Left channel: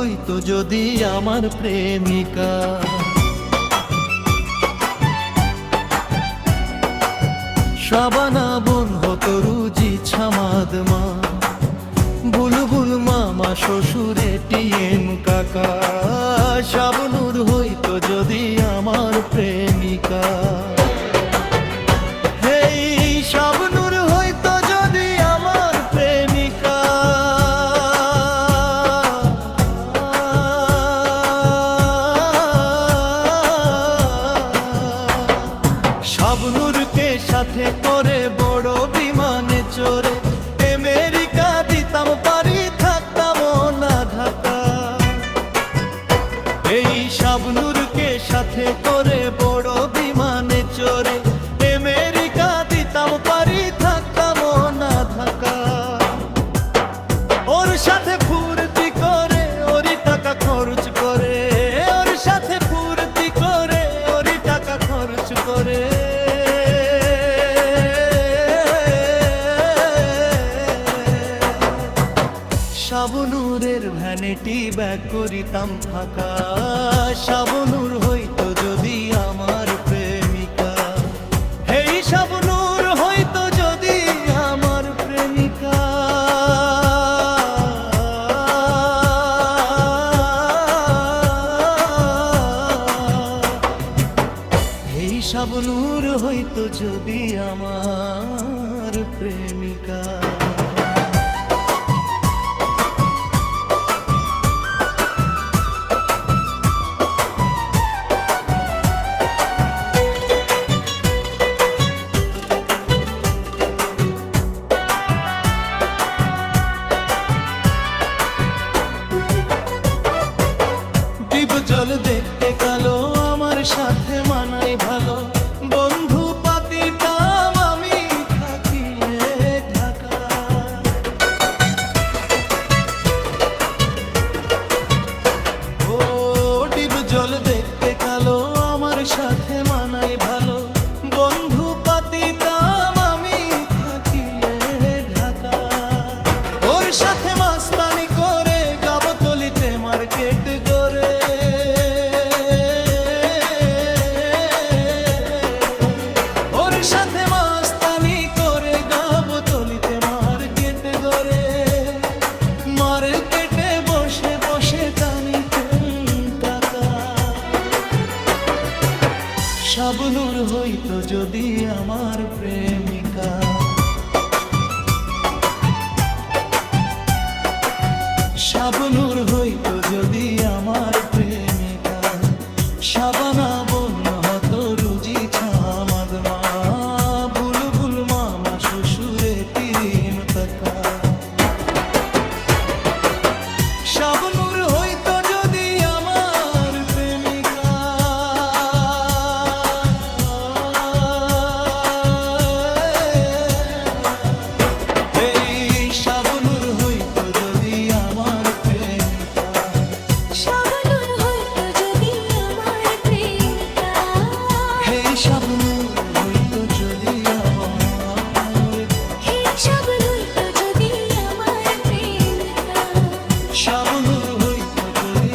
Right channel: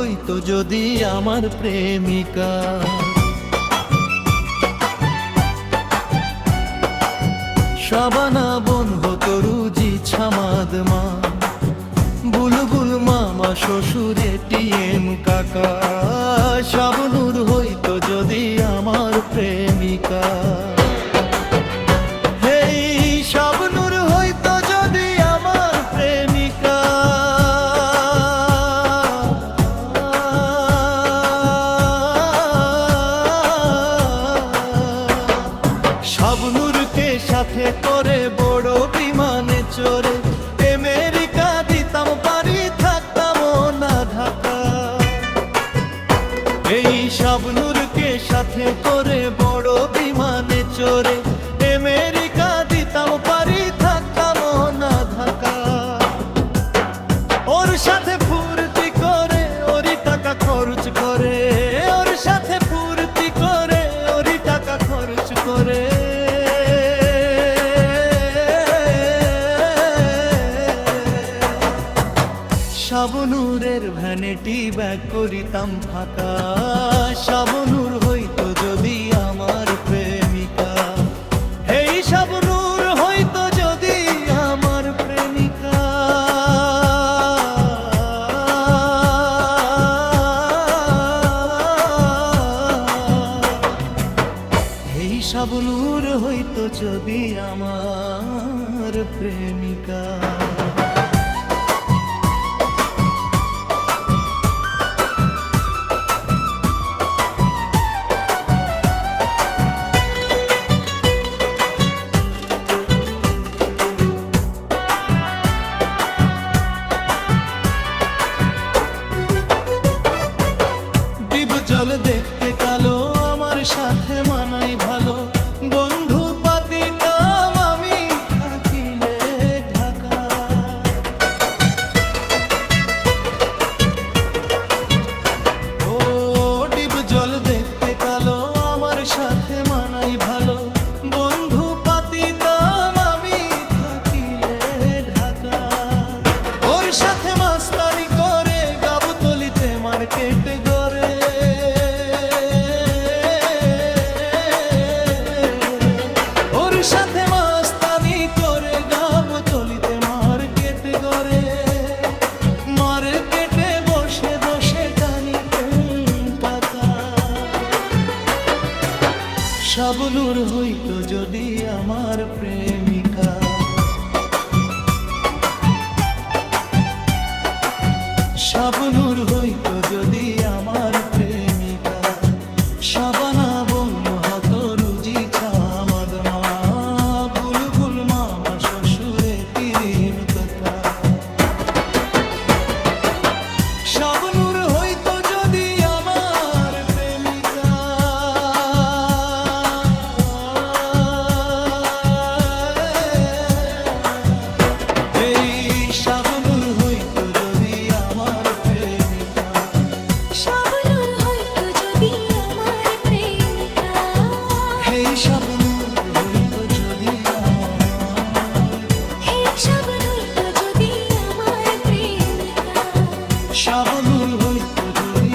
হইতো যদি আমার প্রেমিকা। শাবানা বোন হতো রুজি ছামাদ মা, বুলবুল মামা শ্বশুর এটিএম কাকা। শাবনূর হইতো যদি আমার প্রেমিকা। হেই শাবনূর হইতো যদি আমার প্রেমিকা। শাবনূরকে সাথে করে বড় বিমানে চড়ে আমেরিকা দিতাম পারি, থাকতাম না ঢাকা। এই শাবনূরকে সাথে করে বড় বিমানে চড়ে আমেরিকা দিতাম পারি, থাকতাম না ঢাকা। ওর সাথে ফুর্তি করে ওরই টাকা খরচ করে, ওর সাথে ফুর্তি করে ওরই টাকা খরচ করে। শাবনূরের ভ্যানিটি ব্যাগ করিতাম ফাঁকা। শাবনূর হইতো যদি আমার প্রেমিকা। হেই শাবনূর হইতো যদি আমার প্রেমিকা। হেই শাবনূর হইতো যদি আমার প্রেমিকা। জল দেখতে কালো, আমার সাথে মানাই ভালো, বন্ধু পাতিতাম আমি থাকিলে ঢাকা। ও ডিব জল দেখতে কালো, আমার সাথে মানাই ভালো, বন্ধু পাতিতাম আমি থাকিলে ঢাকা। ওর সাথে মাস্তানি করে গাবতলিতে মার্কেট গড়ে। ওর সাথে মাস্তানি করে গাবতলিতে মার্কেট গড়ে। মার্কেটে বসে বসে টানিতে টাকা। শাবনূর হইতো যদি আমার প্রেমিকা। শাবনূর হইতো যদি আমার প্রেমিকা। শাবানা বোন হতো রুজি ছামাদ মা, বুলবুল মামা শ্বশুরে তিরিম কাকা। শাবনূর হইতো যদি আমার প্রেমিকা। এই শাবনূর হইতো যদি আমার প্রেমিকা। শাবনূর হইতো যদি আমার প্রেমিকা। হেই শাবনূর হইতো যদি আমার। হেই শাবনূর হইতো যদি আমার প্রেমিকা। শাবনূর হইতো যদি